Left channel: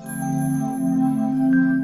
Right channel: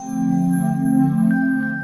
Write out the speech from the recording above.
Thank